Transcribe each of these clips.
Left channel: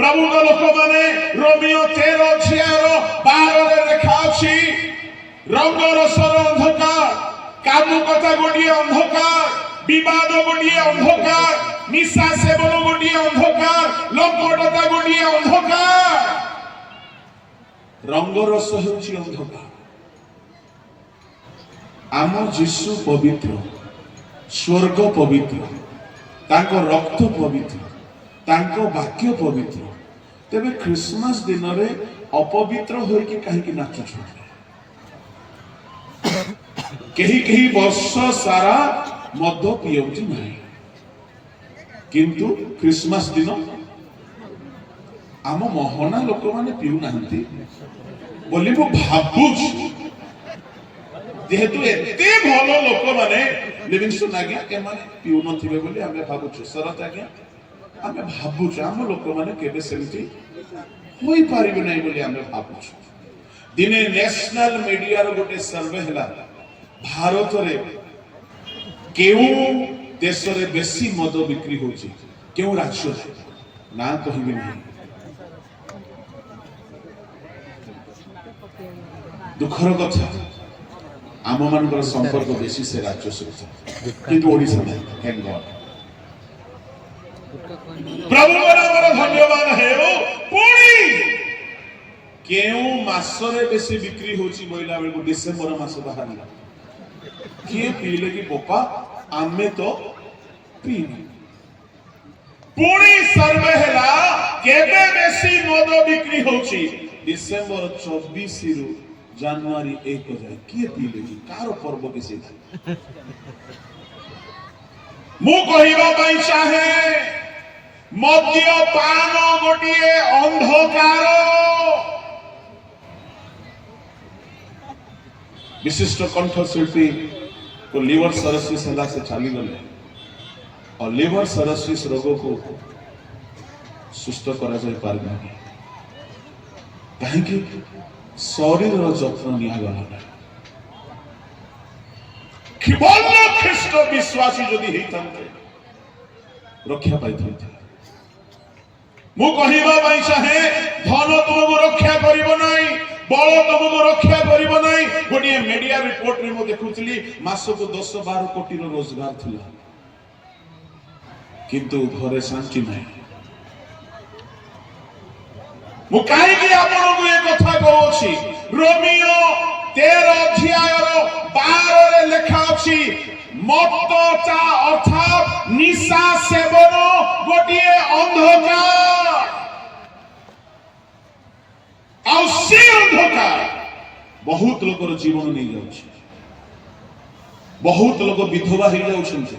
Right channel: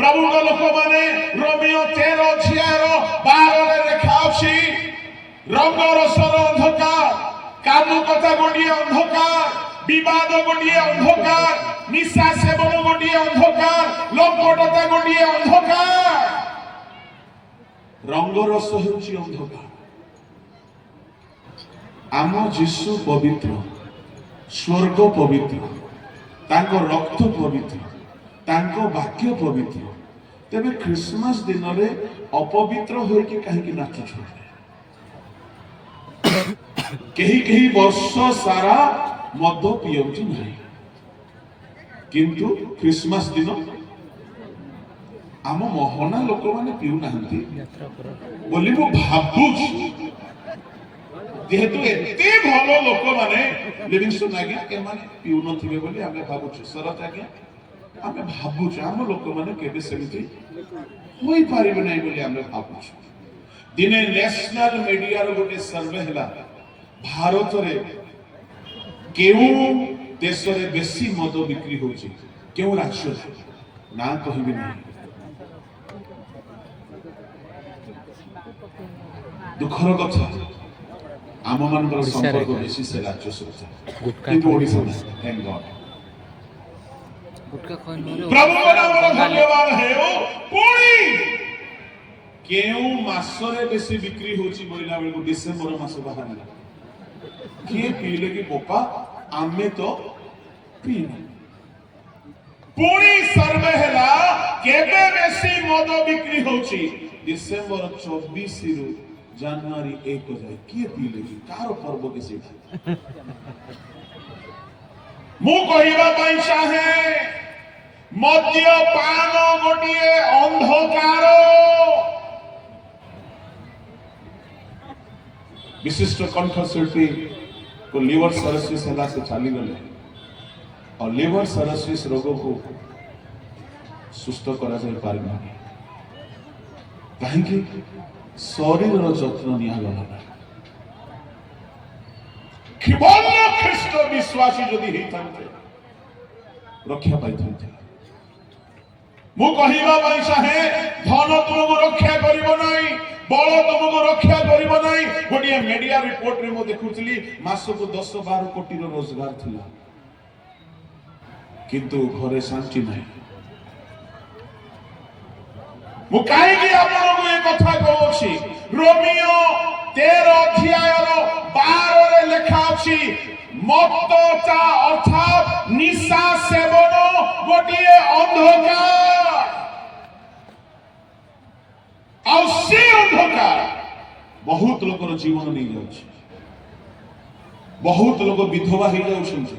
प्रभु लोक माने रोमियो 13:12 लेखा अछि रंग रसर अंधकार कामुकता गोटिए अंधकार विवाद गोटिए अंधकार निशा सेवन गोटिए अंधकार लंपटता गोटिए अंधकार रंग रस होछि अंधकार। आम जीशु पवित्र स्वर्ग पवित्र तांको रक्त पवित्र तांको वाक्य पवित्र तेरे क्रिसमस दिन रे अपवित्र होइके काहे नाचुछ कहीं वर्ष सारा मद पियौची नहीं किंतु क्रिसमस दिन आम मोहना लोक माने पिउ नाहंती बोली मु भाबुछ जेहेतु एते भलो लोक माने लिविंगस्टन आज्ञा ए माने पिउ नथिबे बोली आमे भाबुछ शरत आज्ञा आमे भाबुछ आम लोक माने केबे सेमती होई पारिबे नै बोली आमे भाबुछ। दिने नेशनल मीडिया रो गोटे सर्वे हला भारत रे केउ देश रे बेसी मद बिक्री होची केउ राज्य ना कहिबे नै दुखर कथा आम मानकर संपर्क बेसी से राज्य सहित किंतु ओडिसा में थैंक गॉड प्रभु बराबर धन्यवाद है ओ पुणी केउ मास रे बेसी बिक्री होची बोइला बेल को डिसेंबर मास बाहरिला किए पीले की पोपा आमे तो पीनी पुणी सर्वे हला केबे बेसी मद बिक्री होची डिसेंबर 24 रु जनवरी 1 जाए किए पीले की कार पर्व के से मु कहिबा पई चाहे मद्यपान गोटिए अंधकार विशिष्ट कंठशिल्पी को लिवर सर्सिस हला से चली गले और लिवर सर्सिस रोग को सुस्त करा जाय पारबे काहे कि शरीर रो जत्न निया गला केवल ख्रीष्ट विश्वासी जदि हेतन्ते रक्षा पाइथन्ते मु कहिबा पई चाहे धन तुमको रक्षा करिवो नाही बल तुमको रक्षा करिवो नाही गोटिए मीडिया रिपोर्ट रे मु देखुचली मास को 10-12 कोटी रो रोजगार थिला किंतु घरे शांति नाही मु काहे कि आपन को ए कथा कहउछि रोमियो 13:12 रे लिखा अछि मत्तता अर्थात निशा सेवन गोटिए अंधकार और से अंधकार बहुत लोकर जीवन नहीं जाउछि बहुत लोग विधवा हो जाउछन्ति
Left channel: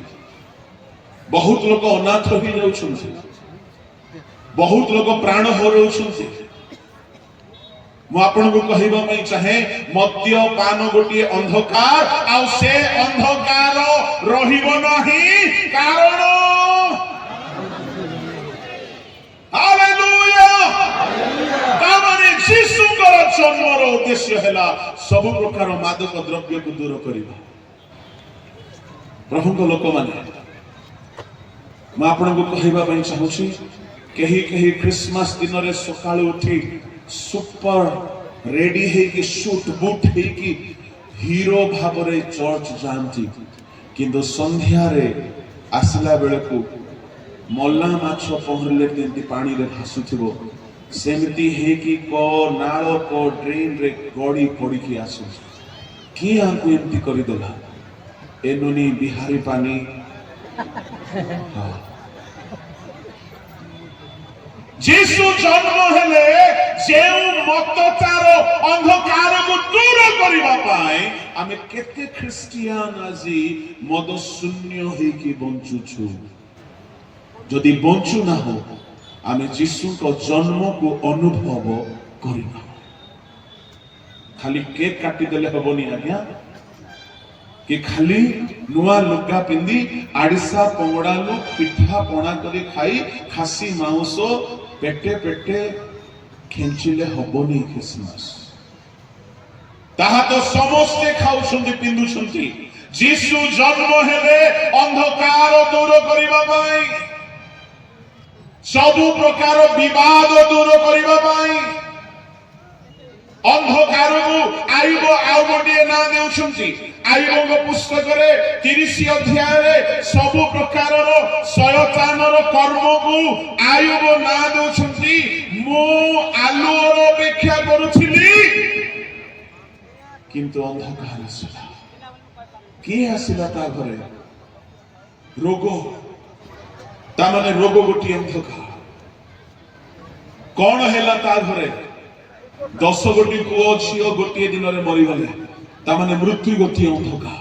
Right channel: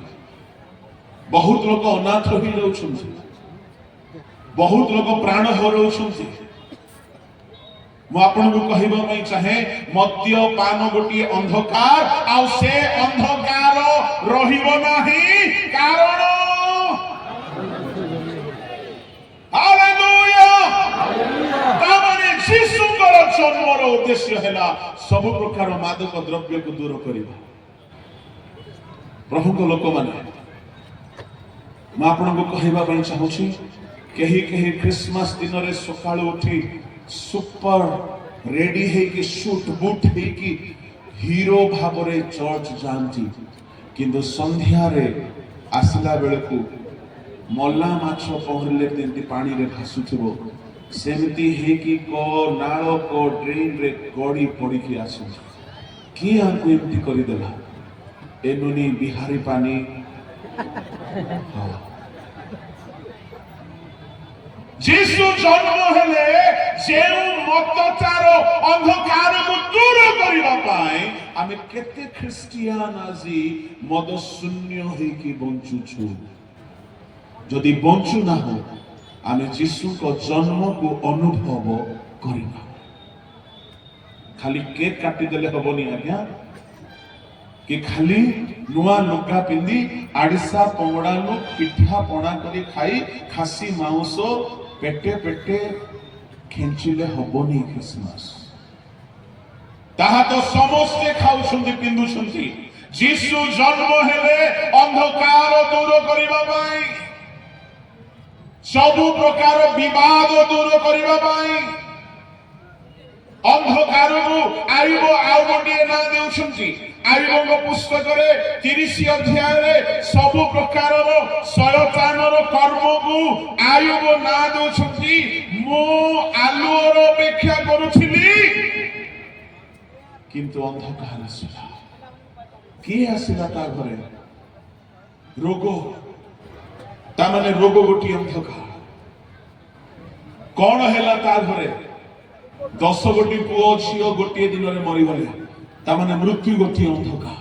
बहुत लोग अनाथ हो जाउछन्ति बहुत लोग प्राण हरउछन्ति मु आपन को कहिबा पई चाहे मद्यपान गोटिए अंधकार आ से अंधकार रहिबो नाही कारण हालेलुया तामाने जीशुकर जन्मर उद्देश्य हैला सब प्रकार मादक द्रव्य को दूर करिबा प्रभु को लोक माने मु आपन को कहिबा पई चाहूछी कहीं क्रिसमस दिन रे सकाळ उठी सुपर रेडी है कि शूट बूट है कि हीरो भाबरे चर्च जानती किंतु संध्या रे आसला बेले को मल्ला माछ पहरले तेंती पानी रे भासुथिबो सेमती है कि को नाळ को ड्रेन रे गड़ी पड़ी की आसु की आंकु एमती करि देला एनुनी बिहारी पानी जीशु जन्म हेले जेउ मत्ततार अंधकार को दूर करिबा पाए आमे केते ख्रिस्टियान आजी मद शून्य हे कि बंचु छु जदि बंचु ना हो आमे जीशु को जन्म को अनुभव करिबा खाली केक काटी देले हबनी आज्ञा कि खाली नुआ लुगा पिंदी आड़िसा पंगड़ालु पिठा पणा करी खाई खासी मांस पेटे पेटे खेंचिले हबनी क्रिसमस ताहा तो समस्ते खाउछन्ति पिंदुछन्ति जीशु जन्म हेले अंधकार दूर करिबा पई सबु प्रकार विवाद दूर करने अंधकार को आयुब आउ गोटे ना देउछंती आयुब पुस्तक 30 अध्याय सबु प्रकार शयतानर कर्म को आयुब ना देउछंती मो आलोर अपेक्षा करुछिली किंतु अंधकार आसिला किए आसिला ता घरे रोग ता माने रोग गोटी अंधकार कौन हैला ता घरे 10 गोटी पुओ झियो गोटे दिन में मरीगले तामाने मृत्यु गोटी अंधकार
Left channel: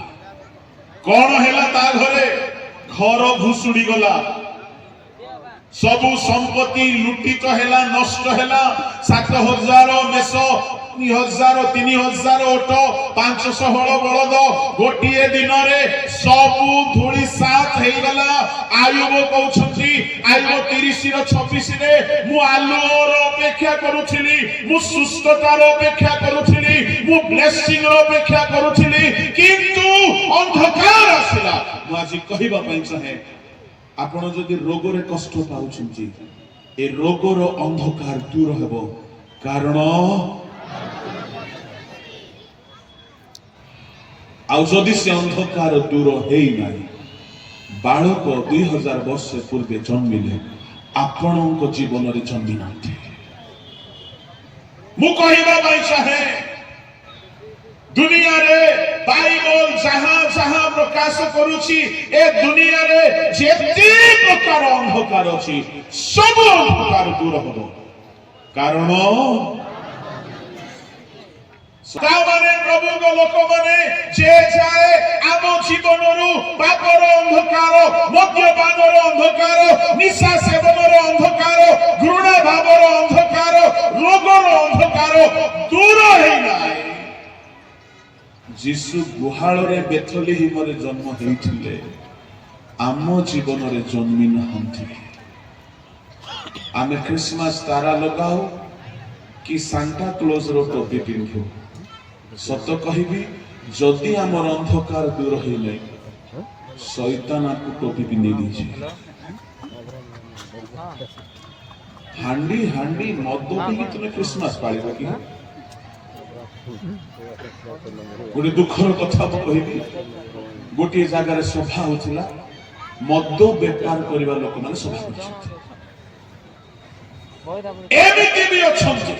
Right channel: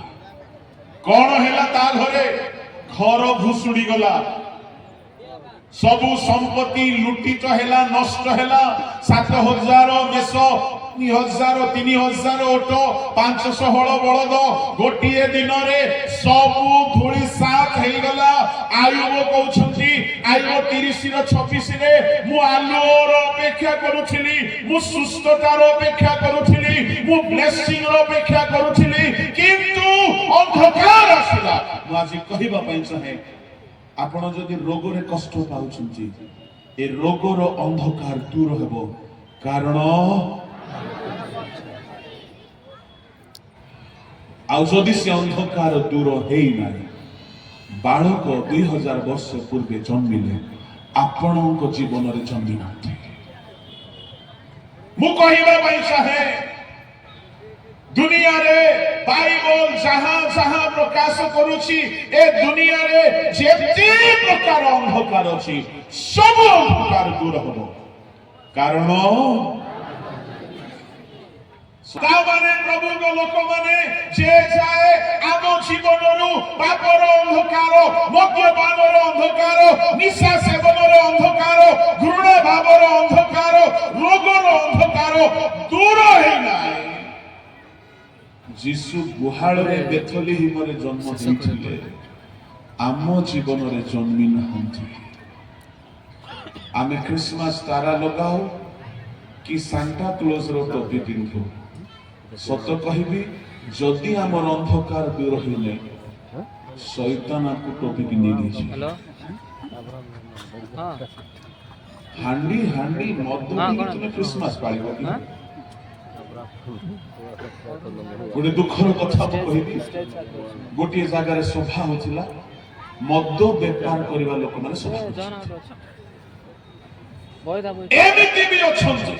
कौन हैला ता घरे घर भूसुड़ी गला सबु संपत्ति लुटित हैला नष्ट हैला 7000 मेष 3000 ओट 500 हल बलद गोटे दिन में सबु धूली साथ हो गला आयुब कहउछंती आयुब 30:26 रे मु आलोर अपेक्षा करूथिली मु सुस्थतार अपेक्षा करूथिली मु ब्लेसिंग रो अपेक्षा करूथिली किंतु अंधकार आसिला मु आज कहिबा पई चाहे आपण जदि रोग रे कष्ट पाउछंती ए रोग रो अंधकार दूर हेबो कारण आउ जदि से अंधकार दूर हेई नाही बालक 2000 वर्ष पूर्वे जन्मिले आपणक जीवन रे जन्मी नाथि मु कहिबा पई चाहे दुनिया रे बाइबल जहां जहां प्रकाश करूची ए दुनिया रे जेते प्रकार अंधकार अछि सब अंधकार दूर होबो कारण माने प्रभु को लोक माने जे जाए आम जीवन पापर अंधकार मद्यपान अंधकार निशा सेवन अंधकार घृणा भाव अंधकार रोगर अंधकार दूर है जीशु गुहाल रे बेथलेहेम रे जन्म होइथिले आम जीवन रे जन्मी नहंती आमे क्रिसमस तारा लगाओ कि सांता क्लॉज रो टोपी पिंधो सत कहिबी जदि आमर अंधकार दूर होइले शैतान आपको टोपी पिंधे दीजिए हांडी हांडी मद पी तुम क्रिसमस पालिबो कि गोटे दुखर कथा मु कहिबी गोटे जगह सभा होतिला मद व्यापार करबा लोक माने सभा होतिला एमिति भी अछंती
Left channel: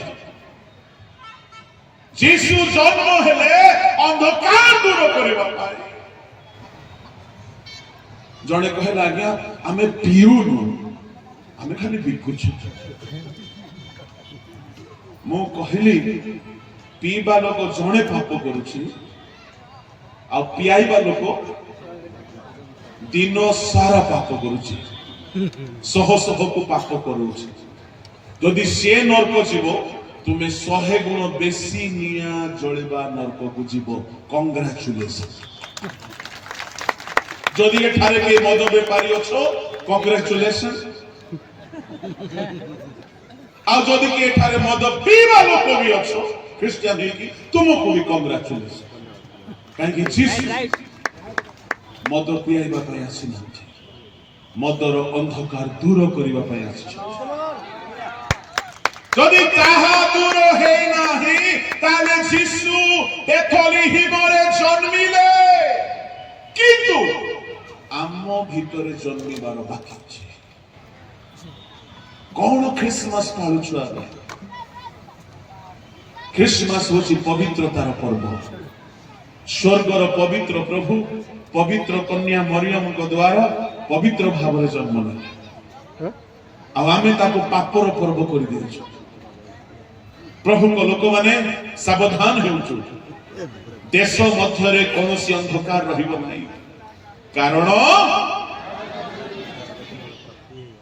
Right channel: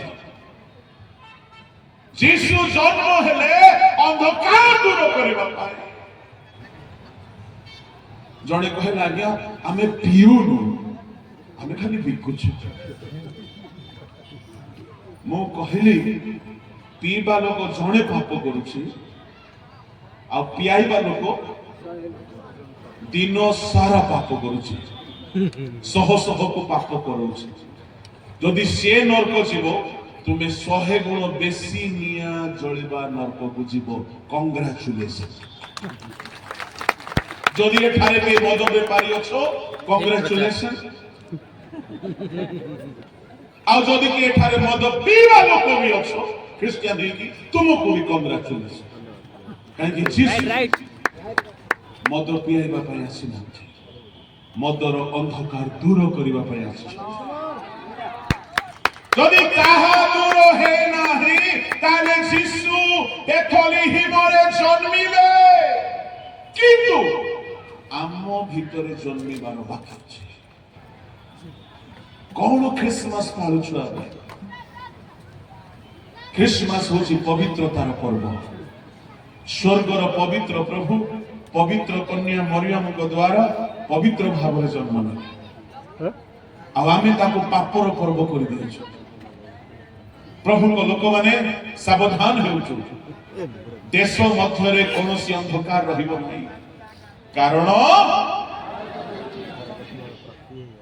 जीशु जन्म हेले अंधकार दूर करबा पाए जणे कहला आज्ञा आमे पिउनु आमे खाली बिकुछु मु कहली पीबा लोक जणे पाप करूची आ पियाइबा लोक दिन सारा पाप करूची सह सह को पाप करूची जदि से नरक जीव तुम्हें 100 गुण बेसी निया जलिबा नरक को जीव कांग्रेचुलेशन जदि एठारे के मद बेपारी अछो कांग्रेचुलेशन आ जदि के एठारे मद पीबा लोक भी अछो क्रिश्चियन ही तुमको भी कांग्रेचुलेशन काहे जीसु मद पियाइबा पई आसिना मदर अंधकार दूर करिबा पई आसी जदि ताहा दूर हे नाही ताले जीसु बेथलेहेम रे जन्मिले किंतु आम भितरे जन्मिबार बाकी अछि कौन क्रिसमस पालुछु आबे क्रिसमस होछि पवित्रतार पर्व स्वर्गर पवित्र प्रभु पवित्र कन्या मरियम को द्वारा पवित्र भाव रे जन्म ले आमे ताको पापर पर्व कर दियछु प्रभु को लोक माने सावधान हेउछु देश मध्य रे कोनोसी अंधकार रहिबो नाही कारण